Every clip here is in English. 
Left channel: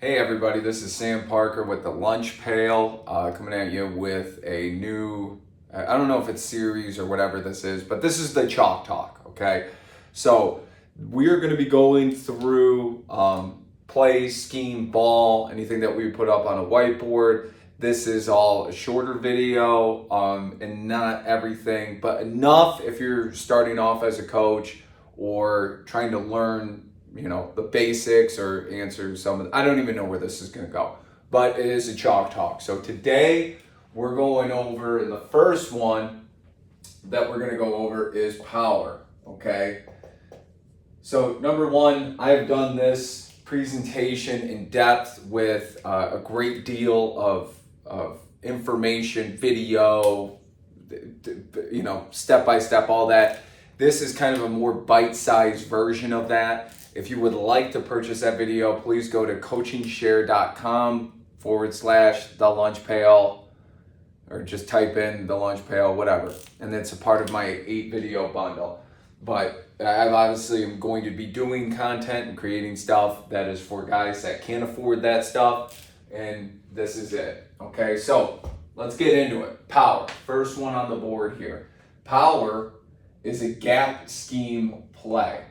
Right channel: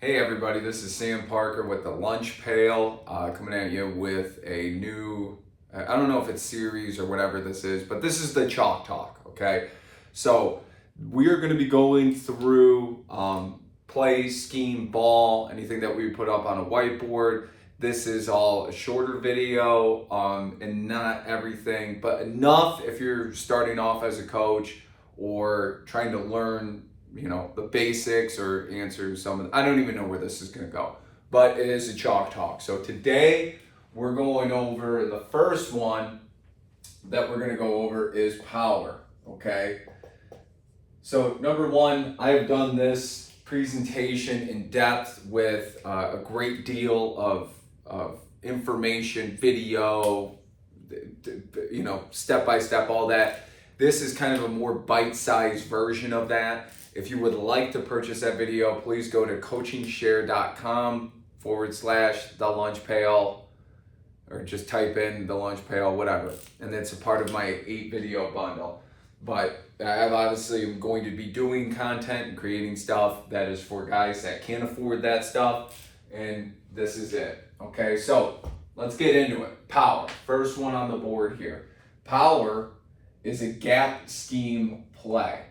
Hey everybody, this is Sam Parker with the Lunch Pail, coming at you with a new, I don't know if it's series or whatever this is, but this is the Chalk Talk, okay? So we are going to be going through play, scheme, ball, anything that we put up on a whiteboard. This is all a shorter video and not everything, but enough if you're starting off as a coach or trying to learn the basics or answer some of I don't even know where this is going to go, but it is a Chalk Talk. So today we're going over, and the first one that we're going to go over is power, okay? So number one, I have done this presentation in depth with a great deal of information, video, step by step, all that. This is kind of a more bite-sized version of that. If you would like to purchase that video, please go to coachingshare.com/the lunch pail, or just type in the lunch pail, whatever. And it's a part of my 8-video bundle. But I obviously am going to be doing content and creating stuff that is for guys that can't afford that stuff. And this is it. Okay, so let's get into it. Power. First one on the board here. Power is a gap scheme play.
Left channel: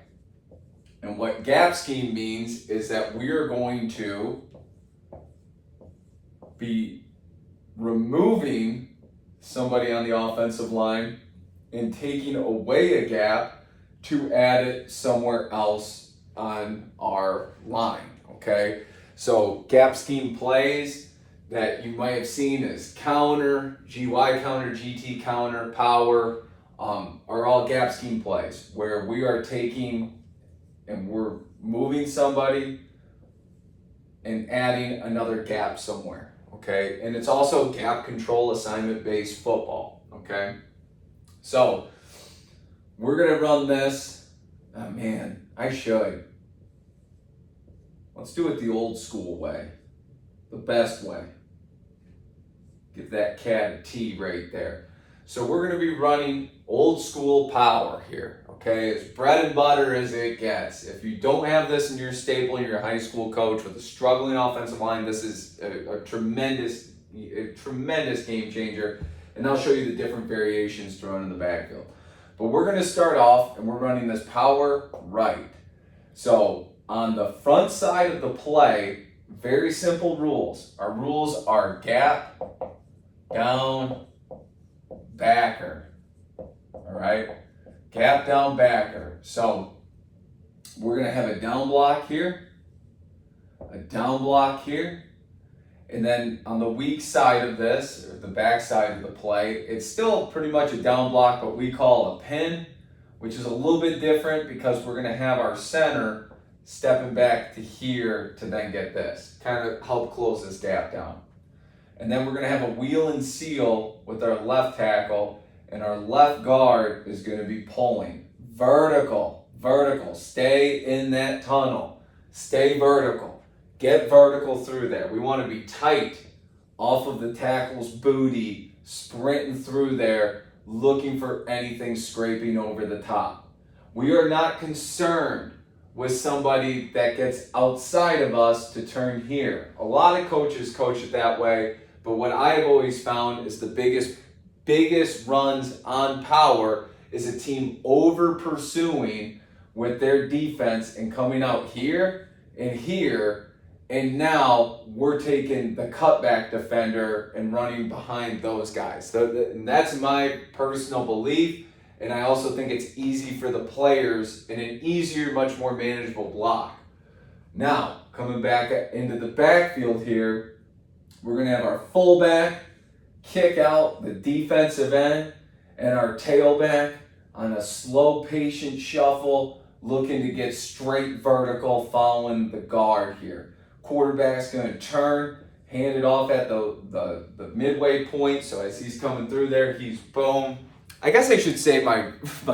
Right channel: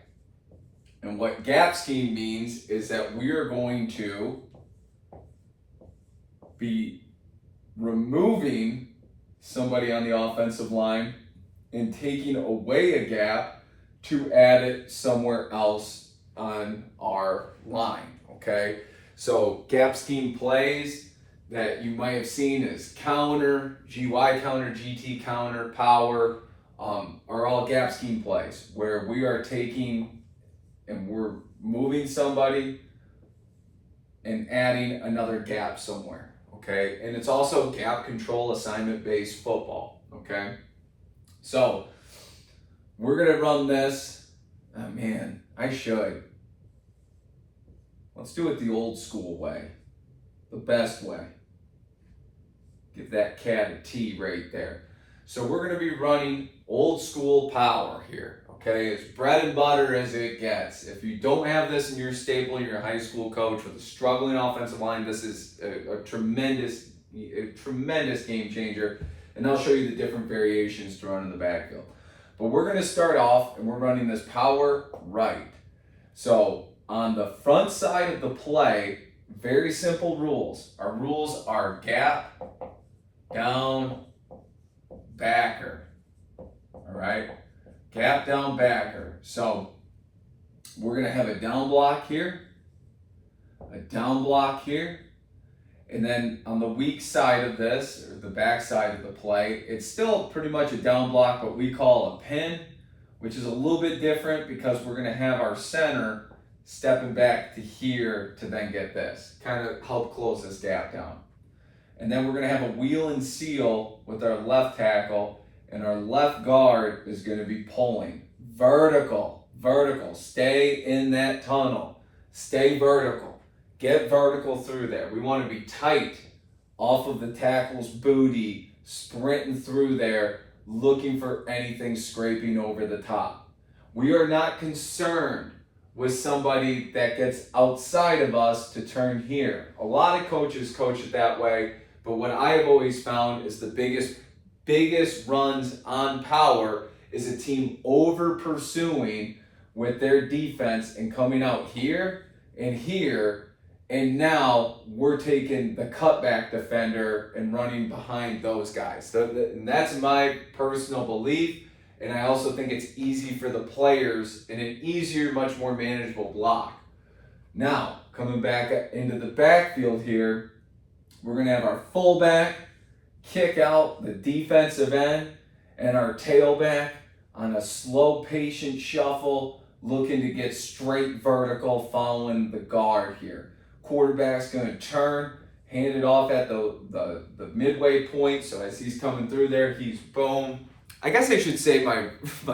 And what gap scheme means is that we are going to be removing somebody on the offensive line and taking away a gap to add it somewhere else on our line, okay? So gap scheme plays that you might have seen is counter, GY counter, GT counter, power, are all gap scheme plays where we are taking and we're moving somebody and adding another gap somewhere, okay? And it's also gap control assignment-based football, okay? So we're gonna run this. Oh man, I should. Let's do it the old school way, the best way. Give that cat a T right there. So we're gonna be running old school power here, okay? As bread and butter as it gets. If you don't have this in your staple, you're a high school coach with a struggling offensive line, this is a tremendous game changer. And I'll show you the different variations to run in the backfield. But we're gonna start off and we're running this power right. So on the front side of the play, very simple rules. Our rules are gap, down, backer, all right? Gap, down, backer. So we're gonna have a down block here, a down block here, and then on the weak side of this, or the back side of the play, it's still pretty much a down block, but we call a pin, which is a little bit different because we're gonna have our center stepping back to here to then get this, kind of help close this gap down. And then we're gonna have a wheel and seal with our left tackle, and our left guard is gonna be pulling. Vertical, stay in that tunnel, stay vertical, get vertical through there. We wanna be tight off of the tackle's booty, sprinting through there, looking for anything scraping over the top. We are not concerned with somebody that gets outside of us to turn here. A lot of coaches coach it that way, but what I have always found is the biggest runs on power is a team over pursuing with their defense and coming out here, and now we're taking the cutback defender and running behind those guys. And that's my personal belief, and I also think it's easy for the players and an easier, much more manageable block. Now, coming back into the backfield here, we're gonna have our fullback kick out the defensive end and our tailback on a slow, patient shuffle, looking to get straight vertical following the guard here. Quarterback's gonna turn, hand it off at the midway point, so as he's coming through there, he's boom. I guess I should say my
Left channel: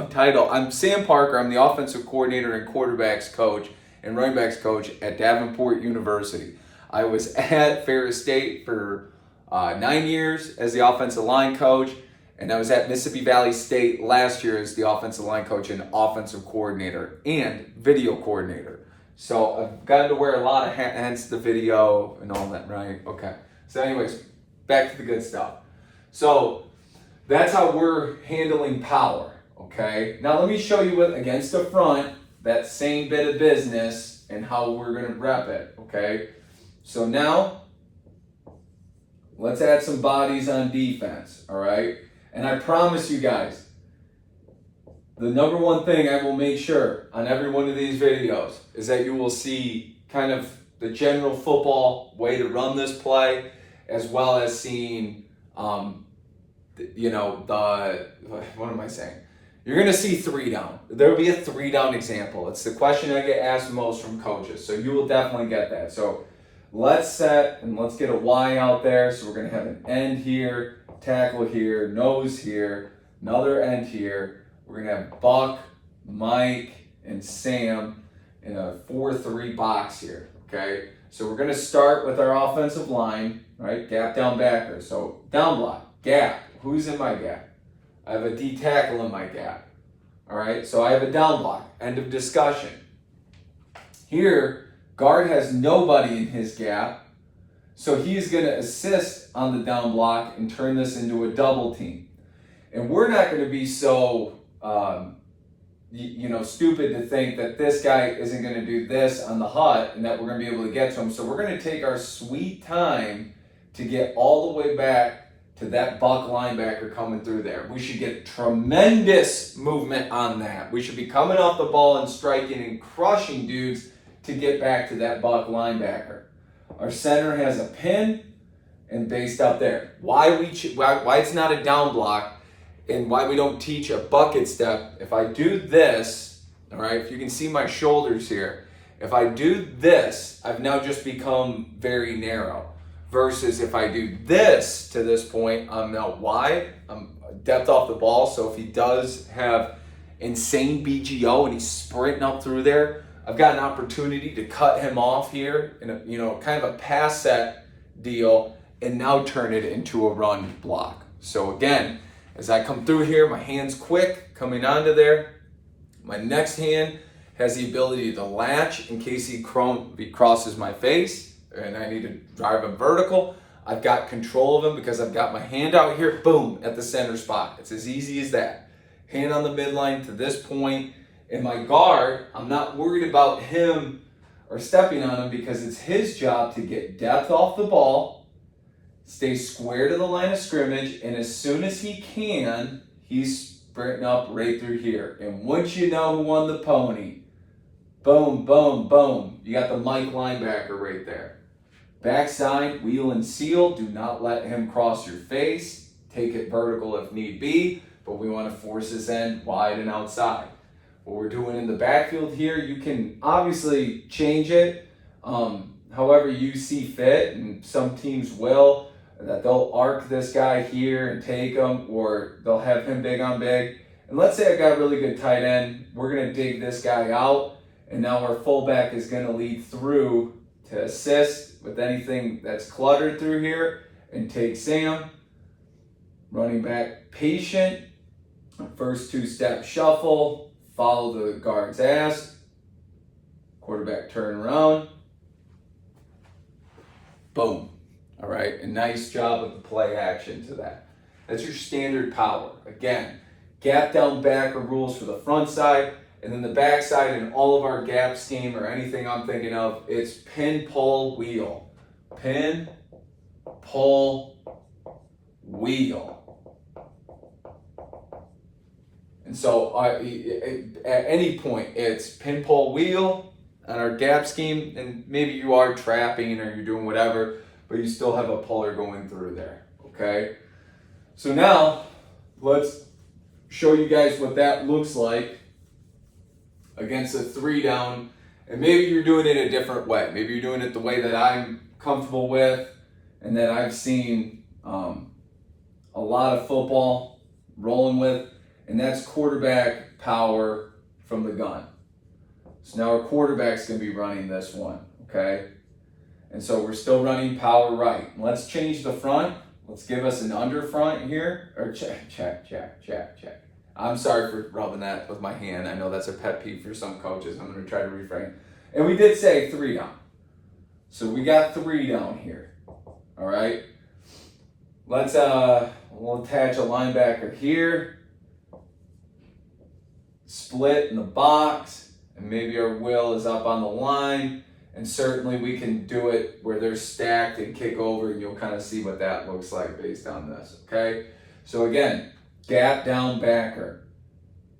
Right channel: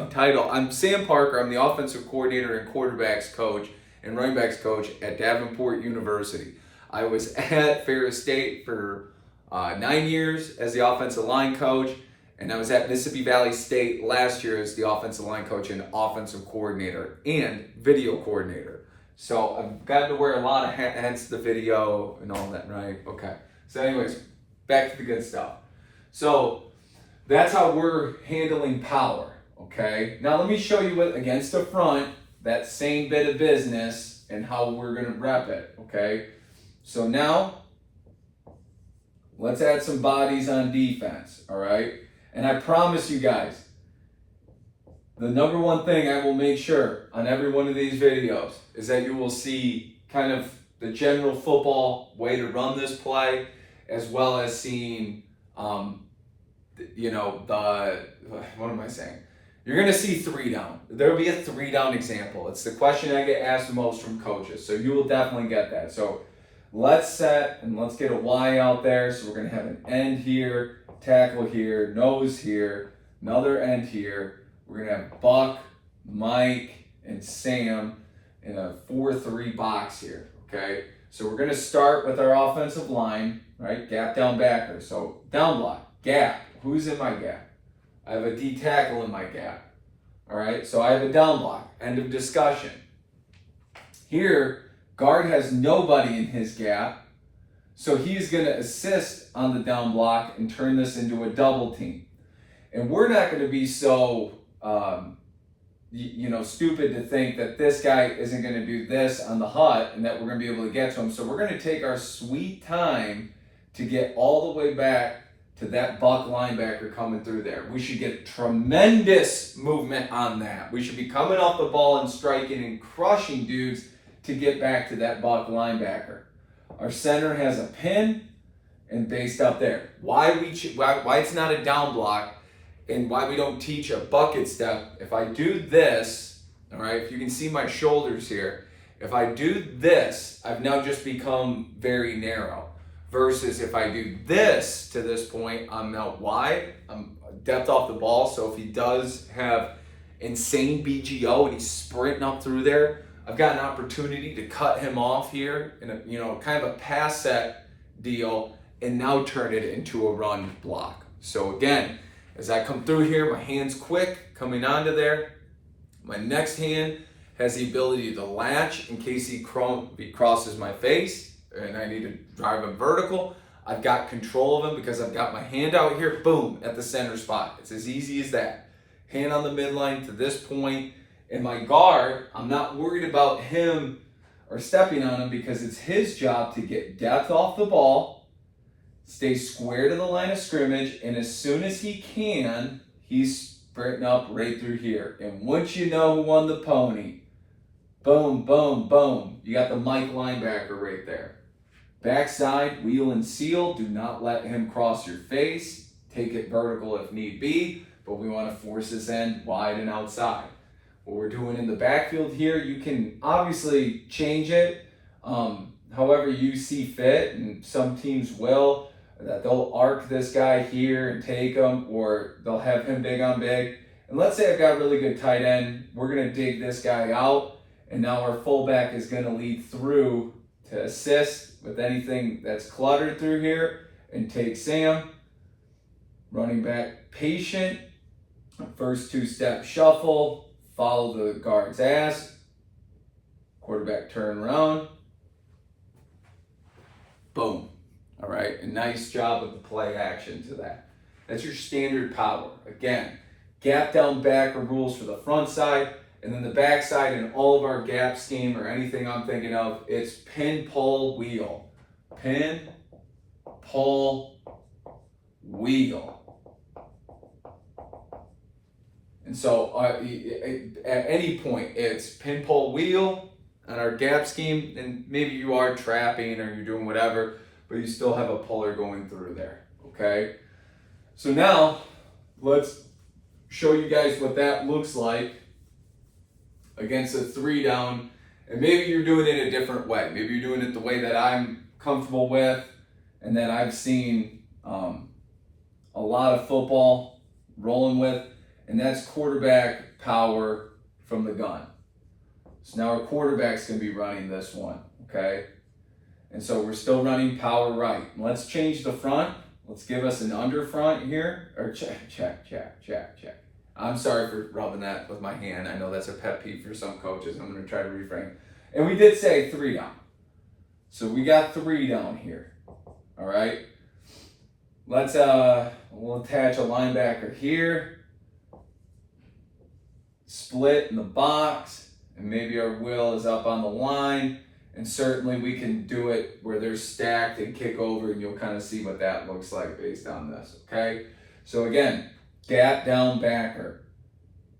title. I'm Sam Parker. I'm the offensive coordinator and quarterbacks coach and running backs coach at Davenport University. I was at Ferris State for 9 years as the offensive line coach, and I was at Mississippi Valley State last year as the offensive line coach and offensive coordinator and video coordinator. So I've gotten to wear a lot of hats, hence the video and all that, right? Okay. So anyways, back to the good stuff. So that's how we're handling power, okay? Now let me show you it against the front, that same bit of business and how we're gonna rep it, okay? So now, let's add some bodies on defense, all right? And I promise you guys, the number one thing I will make sure on every one of these videos is that you will see kind of the general football way to run this play, as well as seeing, what am I saying? You're going to see 3 down. There'll be a 3 down example. It's the question I get asked most from coaches. So you will definitely get that. So let's set and let's get a Y out there. So we're going to have an end here, tackle here, nose here, another end here. We're going to have Buck, Mike, and Sam in a 4-3 box here, okay? So we're going to start with our offensive line, right? Gap down backer. So down block, gap. Who's in my gap? I have a D tackle in my gap, all right? So I have a down block, end of discussion. Here, guard has nobody in his gap, so he's going to assist on the down block and turn this into a double team. And we're not going to be so stupid to think that this guy isn't going to do this on the hut and that we're going to be able to get to him. So we're going to take our sweet time to get all the way back to that Buck linebacker coming through there. We should get tremendous movement on that. We should be coming off the ball and striking and crushing dudes to get back to that Buck linebacker. Our center has a pin and based up there. Why it's not a down block and why we don't teach a bucket step. If I do this, all right, if you can see my shoulders here, if I do this, I've now just become very narrow. Versus if I do this to this point, I'm now wide, I'm depth off the ball. So if he does have insane BGO and he's sprinting up through there, I've got an opportunity to cut him off here in a kind of a pass set deal and now turn it into a run block. So again, as I come through here, my hand's quick coming onto there. My next hand has the ability to latch in case he crosses my face and I need to drive him vertical. I've got control of him because I've got my hand out here, boom, at the center spot. It's as easy as that. Hand on the midline to this point. And my guard, I'm not worried about him or stepping on him because it's his job to get depth off the ball, stay square to the line of scrimmage, and as soon as he can, he's sprinting up right through here. And once you know who won the pony, boom, boom, boom. You got the Mike linebacker right there. Backside, wheel and seal. Do not let him cross your face. Take it vertical if need be, but we want to force his end wide and outside. What we're doing in the backfield here, you can obviously change it however you see fit, and some teams will, that they'll arc this guy here and take him, or they'll have him big on big. And let's say I've got a really good tight end. We're going to dig this guy out, and now our fullback is going to lead through to assist with anything that's cluttered through here and take Sam. Running back patient. First 2-step shuffle. Follow the guard's ass. Quarterback turn around. Boom. All right. A nice job with the play action to that. That's your standard power. Again, gap down backer rules for the front side. And then the backside in all of our gap scheme or anything I'm thinking of, it's pin, pull, wheel. Pin, pull, wheel. And so at any point, it's pin, pull, wheel on our gap scheme. And maybe you are trapping or you're doing whatever, but you still have a puller going through there, okay? So now, let's show you guys what that looks like against a 3 down, and maybe you're doing it a different way. Maybe you're doing it the way that I'm comfortable with and that I've seen a lot of football rolling with, and that's quarterback power from the gun. So now our quarterback's going to be running this one, okay? And so we're still running power right. Let's change the front. Let's give us an under front here, or check. I'm sorry for rubbing that with my hand. I know that's a pet peeve for some coaches. I'm going to try to refrain. And we did say 3 down. So we got 3 down here. All right. Let's we'll attach a linebacker here. Split in the box, and maybe our will is up on the line. And certainly we can do it where they're stacked and kick over, and you'll kind of see what that looks like based on this, okay? So again, gap down backer.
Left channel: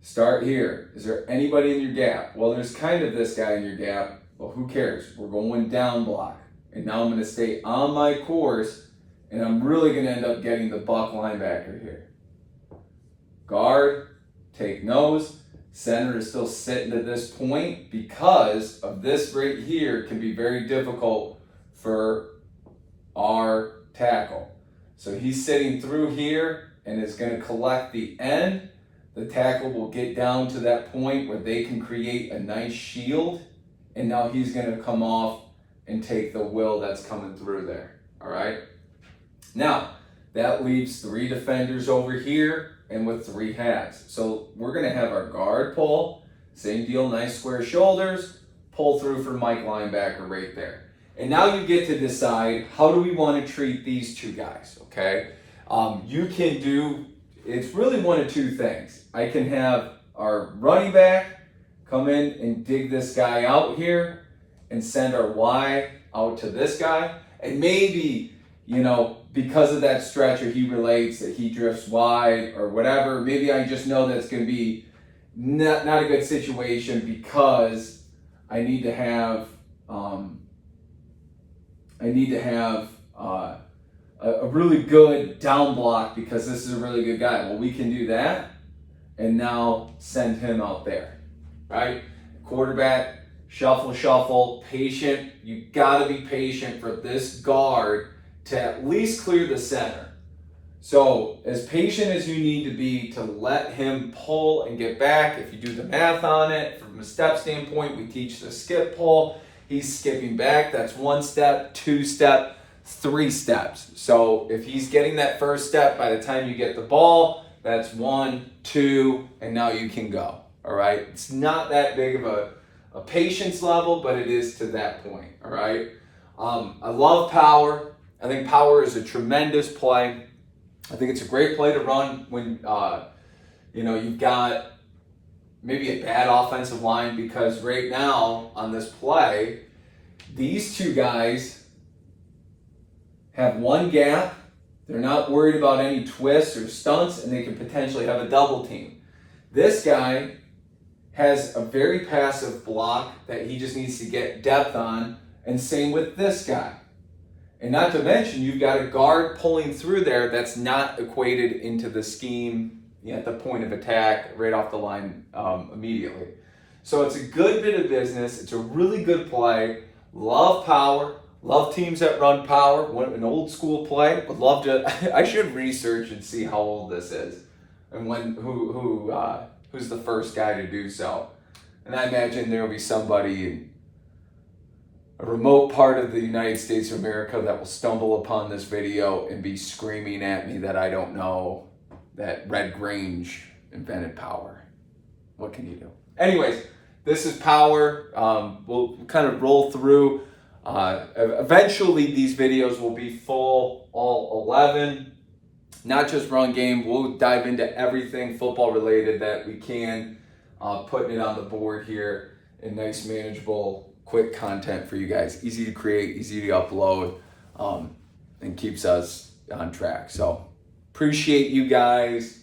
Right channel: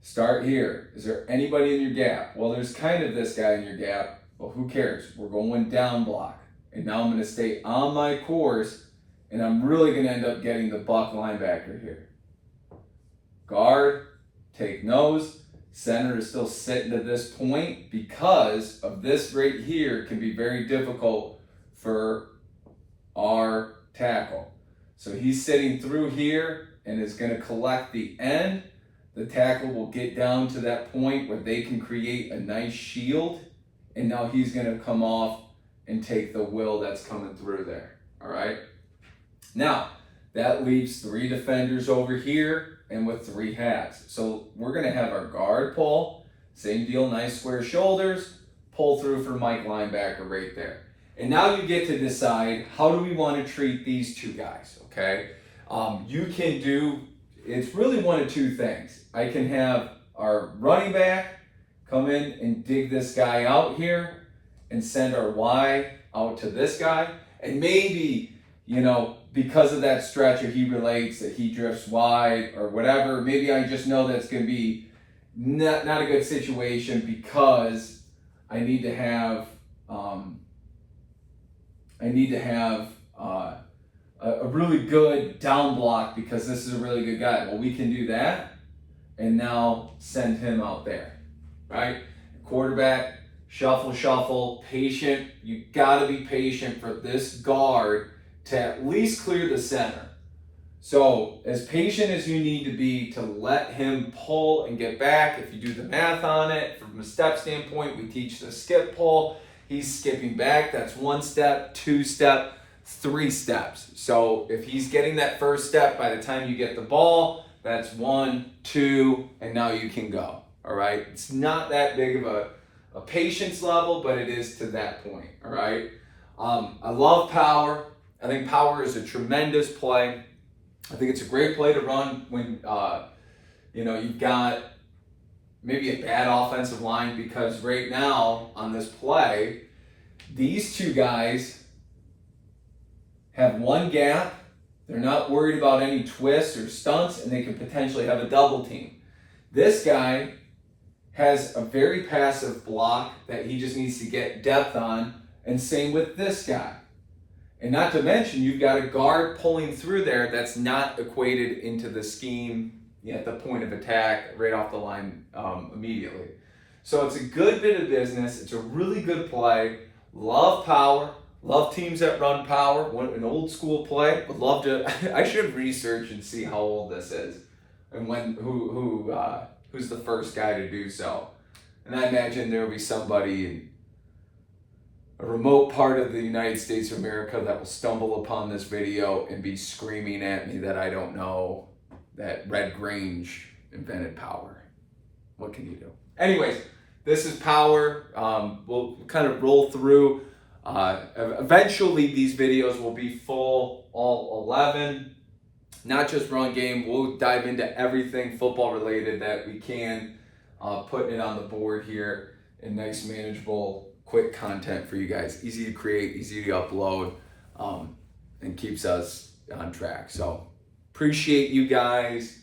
Start here. Is there anybody in your gap? Well, there's kind of this guy in your gap. Well, who cares? We're going down block. And now I'm going to stay on my course, and I'm really going to end up getting the buck linebacker here. Guard, take nose. Center is still sitting to this point because of this right here can be very difficult for our tackle. So he's sitting through here and is going to collect the end. The tackle will get down to that point where they can create a nice shield, and now he's going to come off and take the will that's coming through there. All right. Now that leaves 3 defenders over here and with 3 hats. So we're going to have our guard pull, same deal, nice square shoulders, pull through for Mike linebacker right there. And now you get to decide, how do we want to treat these 2 guys, okay? You can do, it's really one of 2 things. I can have our running back come in and dig this guy out here and send our Y out to this guy. And maybe, because of that stretch, or he relates that he drifts wide or whatever, maybe I just know that's going to be not a good situation because I need to have a really good down block because this is a really good guy. Well, we can do that and now send him out there, right? Quarterback, shuffle, patient. You got to be patient for this guard to at least clear the center. So as patient as you need to be to let him pull and get back. If you do the math on it, from a step standpoint, we teach the skip pull. He's skipping back. That's 1 step, 2 step, 3 steps. So if he's getting that first step, by the time you get the ball, that's 1, 2, and now you can go. All right. It's not that big of a patience level, but it is to that point. All right. I love power. I think power is a tremendous play. I think it's a great play to run when you've got maybe a bad offensive line, because right now on this play, these 2 guys have 1 gap. They're not worried about any twists or stunts, and they could potentially have a double team. This guy has a very passive block that he just needs to get depth on, and same with this guy. And not to mention, you've got a guard pulling through there that's not equated into the scheme at the point of attack right off the line immediately. So it's a good bit of business. It's a really good play. Love power. Love teams that run power. An old school play. Would love to. I should research and see how old this is and who's the first guy to do so. And I imagine there will be somebody in a remote part of the United States of America that will stumble upon this video and be screaming at me that I don't know that Red Grange invented power. What can you do? Anyways, this is power. We'll kind of roll through. Eventually, these videos will be full, all 11. Not just run game. We'll dive into everything football related that we can, putting it on the board here in nice, manageable, quick content for you guys. Easy to create, easy to upload, and keeps us on track. So appreciate you guys.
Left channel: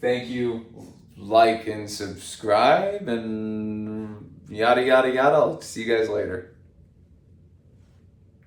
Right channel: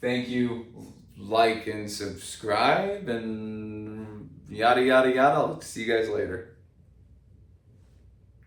Thank you. Like and subscribe and yada, yada, yada. I'll see you guys later.